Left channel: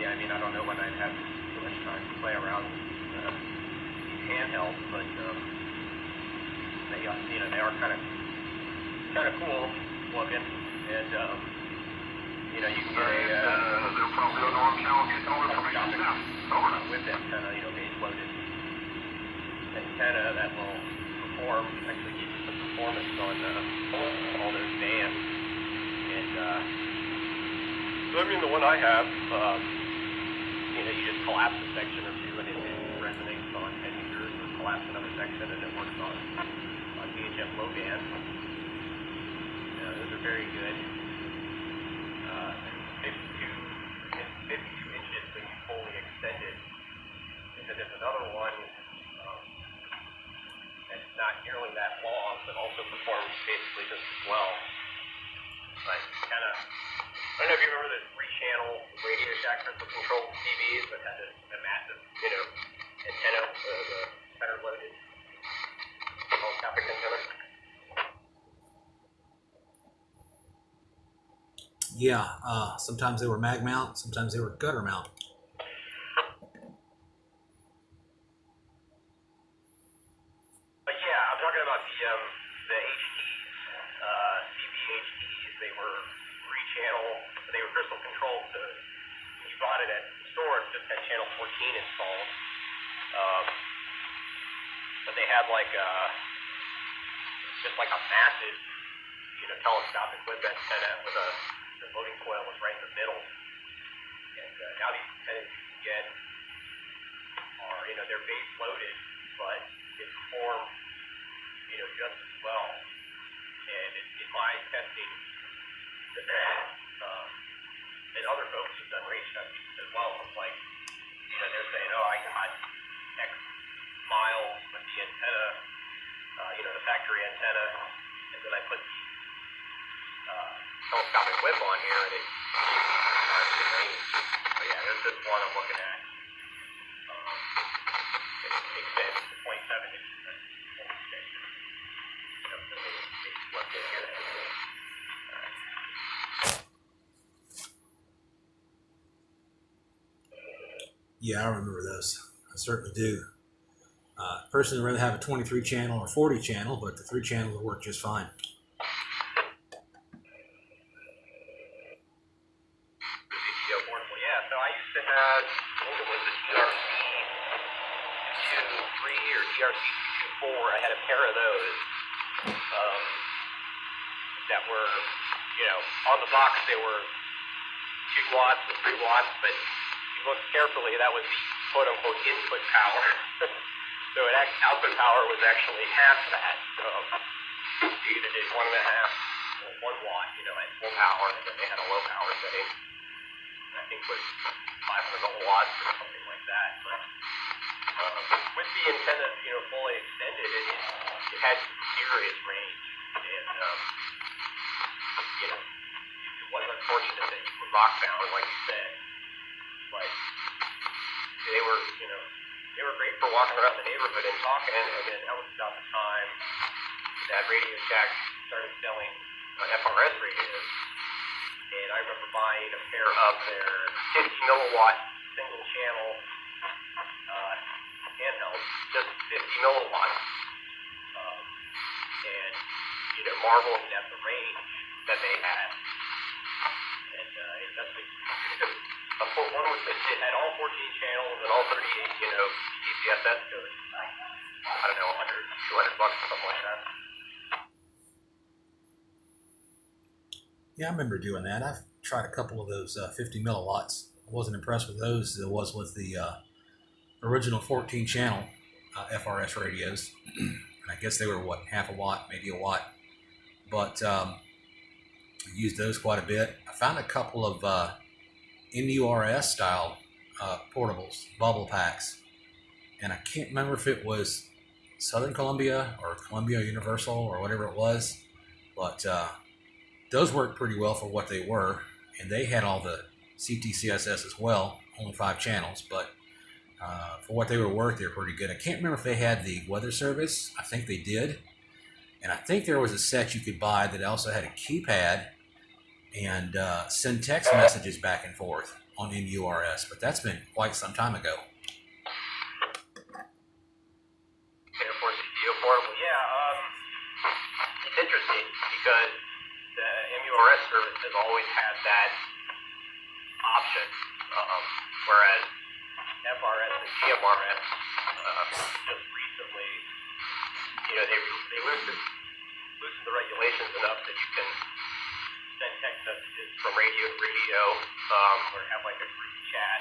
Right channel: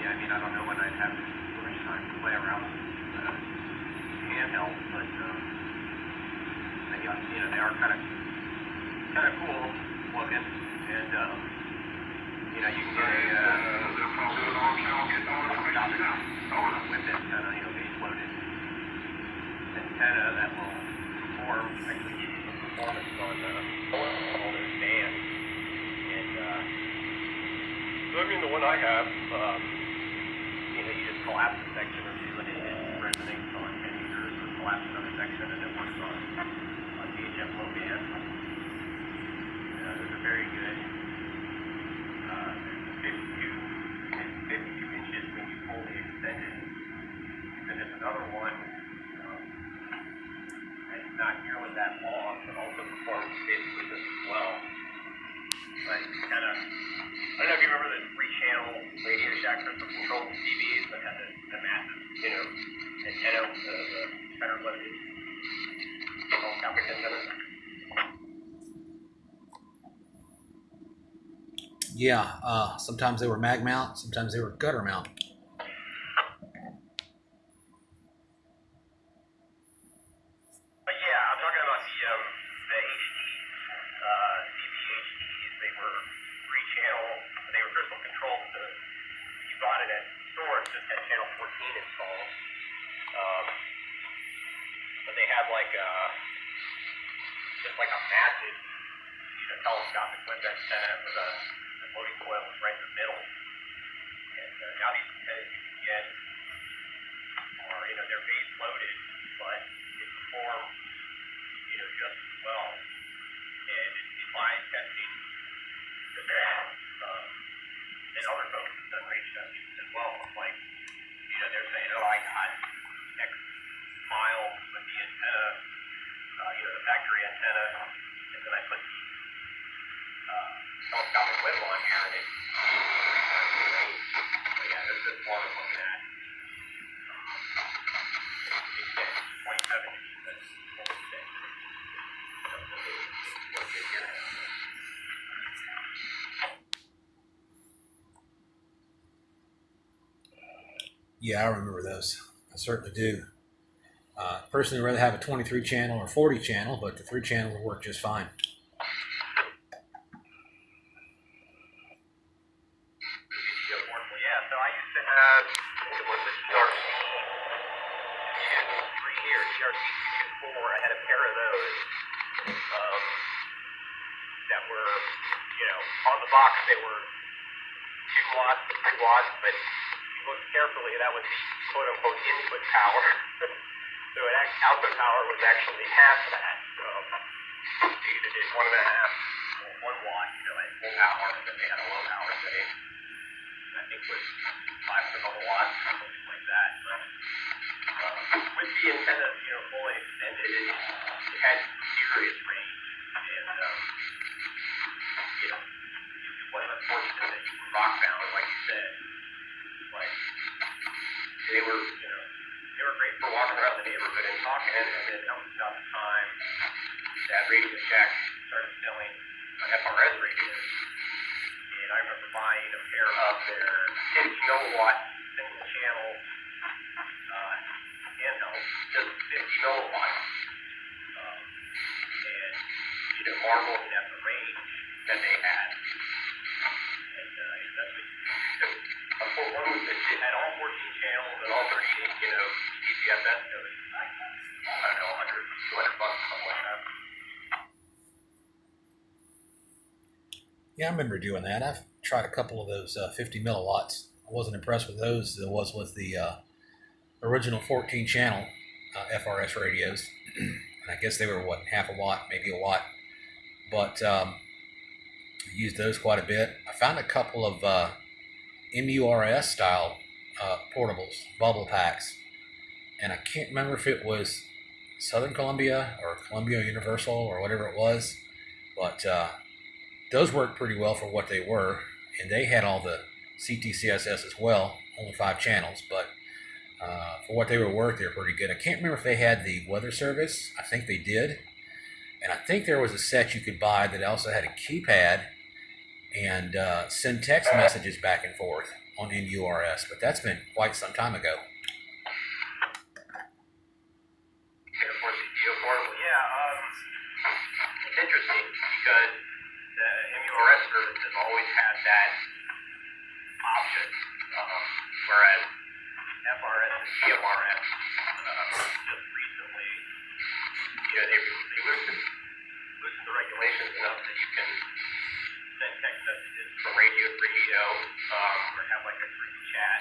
Yeah, I mean, I don't know when I'd have too much time to play around handheld, but they are kind of cool looking, and you can get a with antenna, base loaded antenna that will actually give you some performance on all those bands. And so I mean, the one I have, you just collapse a section or two and it resonates on 10 meters, or collapse another section and it works on VHF low band. Those are very good. 52 inches when you fully extend it. And then there's another one that's not nearly that long, but also performs basically just as well. But kind of, I don't know if you remember the 3-channel Radio Shack crystal controlled TVs that had the massive, antenna, the center loaded telescopic antenna. Yeah, sometimes they were mag mount, sometimes they were gutter mount. But yeah, I'm talking about the HDs, CBHDs. They were 3-channel. They were crystal controlled. So when you bought it at the store, it just had channel 14 installed. But they had just like a massive, telescopic with antenna with the loading coil was right in the middle. And now these antennas you can get are, they're base loaded, but it performs, just as well. And in my testing, and other folks have done range testing as well. It's like, they're saying, oh, I got X miles with the antenna, the factory antenna, and then I put the telescopic whip on here, and it range. So yeah, this is one I'm looking at. It's extended to 27 inches. That's full extension. It's working here. Yeah, I remember those. I certainly do. Personally, I'd rather have a 23 channel or 40 channel, but the 3-channel will work just fine. Yeah, so I used to have, it was a GRC 2.3 or GRC 2.4. I had a pair of those that were, on the box they were 2 watts and 3 watts, but if you look carefully, that was the quote-unquote input power. So output power was actually half that. So you either did 1.5 or 1 watt, at full power, and then they had a low power setting. I think was 500 watts or something like that. But with the antenna, fully extended, it had serious range, and it wasn't fortunate that you were rock bound, like you said. But they were, they were great for walking around the neighborhood and talking. And then that was about the time that Radio Shack started selling FRS radios. And I remember buying a pair of their 50 milliwatt single channel handhelds, just 50 milliwatts, and marveling at the range that they had. And especially one was that it had all 14 channels and all 38, DCSS codes. I don't know, $100, $200 or something like that. Yeah, I remember doing that. I've tried a couple of those 50 milliwatts. I wasn't impressed with those as I was with the original 14-channel FRS radios. And I guess they were, half a watt, maybe a watt. But I used those quite a bit. I found a couple of MURS style portables, bubble packs. And I can't remember if it was Southern Columbia or Columbia Universal or whatever it was. But those worked pretty well for what they were. And they had all the CTCSS as well, only 5 channels. But for what they were worth, they were pretty good. I can't remember if they had the weather service. I think they did. And I think there was a set you could buy that also had a keypad and send text messages back and forth on NURS, but that's been quite some time ago. Airport video form. Yeah, it's interesting because the MURS service has always had that option, whereas FRS and GMRS just recently, they loosened the regulations enough that you can send text messages from radio to radio, or have like a group chat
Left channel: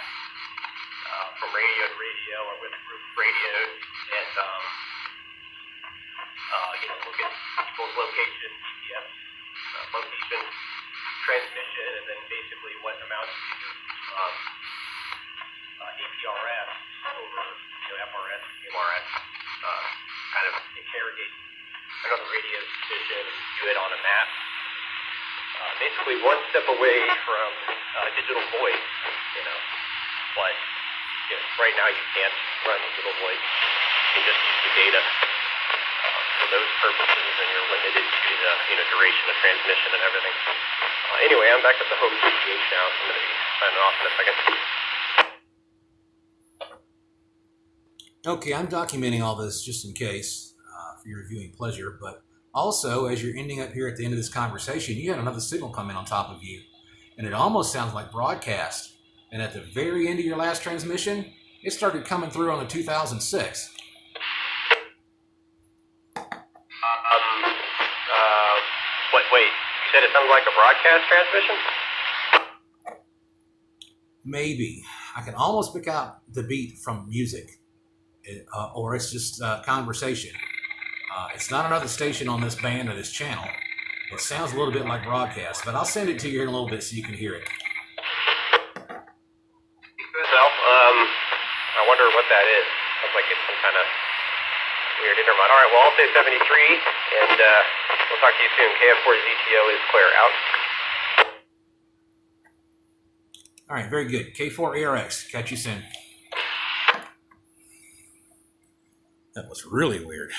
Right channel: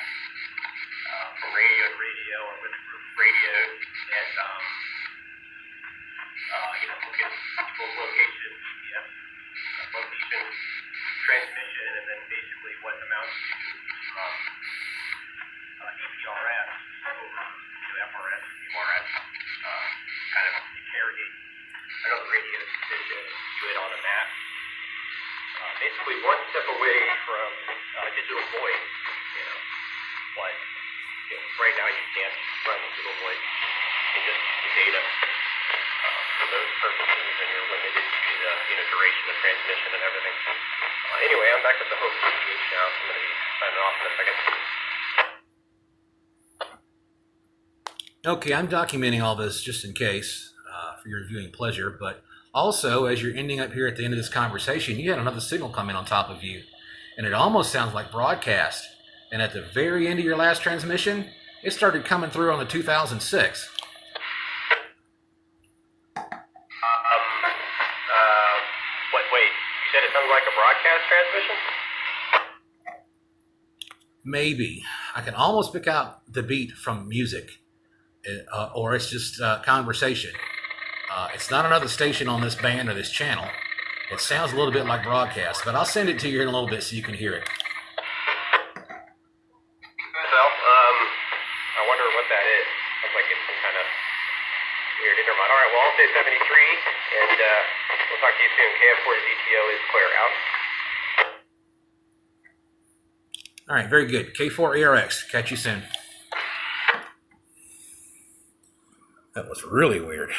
from radio to radio or with group radio, and look at people's location, GPS location transmission, and then basically what amounts to APRS over FRS, CMRS, kind of interrogate another radio station, do it on a map. Basically one step away from digital voice, but right now you can't run digital voice. You can just use the data for those purposes, and you're limited to the duration of transmission and everything. Anyway, I'm back at the home PGH now, so I'm going to be signing off in a second. Okay, I'm documenting all this just in case for your viewing pleasure, but also as you're ending up here at the end of this conversation, you had another signal come in on top of you, and it almost sounds like broadcast. And at the very end of your last transmission, it started coming through on the 2006. Wait, you said it sounds like a broadcast transmission? Maybe. I can almost pick out the beat from music, or it's just conversation. It's not another station on this band or this channel. It sounds a little bit like broadcast, but I'll send it to you in a little bit so you can hear it. Well, I wonder what that is. Sounds like it's some kind of weird intermod. All right, well, I'll say 73, and we'll talk to you soon. KF4ZTO is clear. Out. All right, very good. K4ARX. Catch you soon. That was really weird.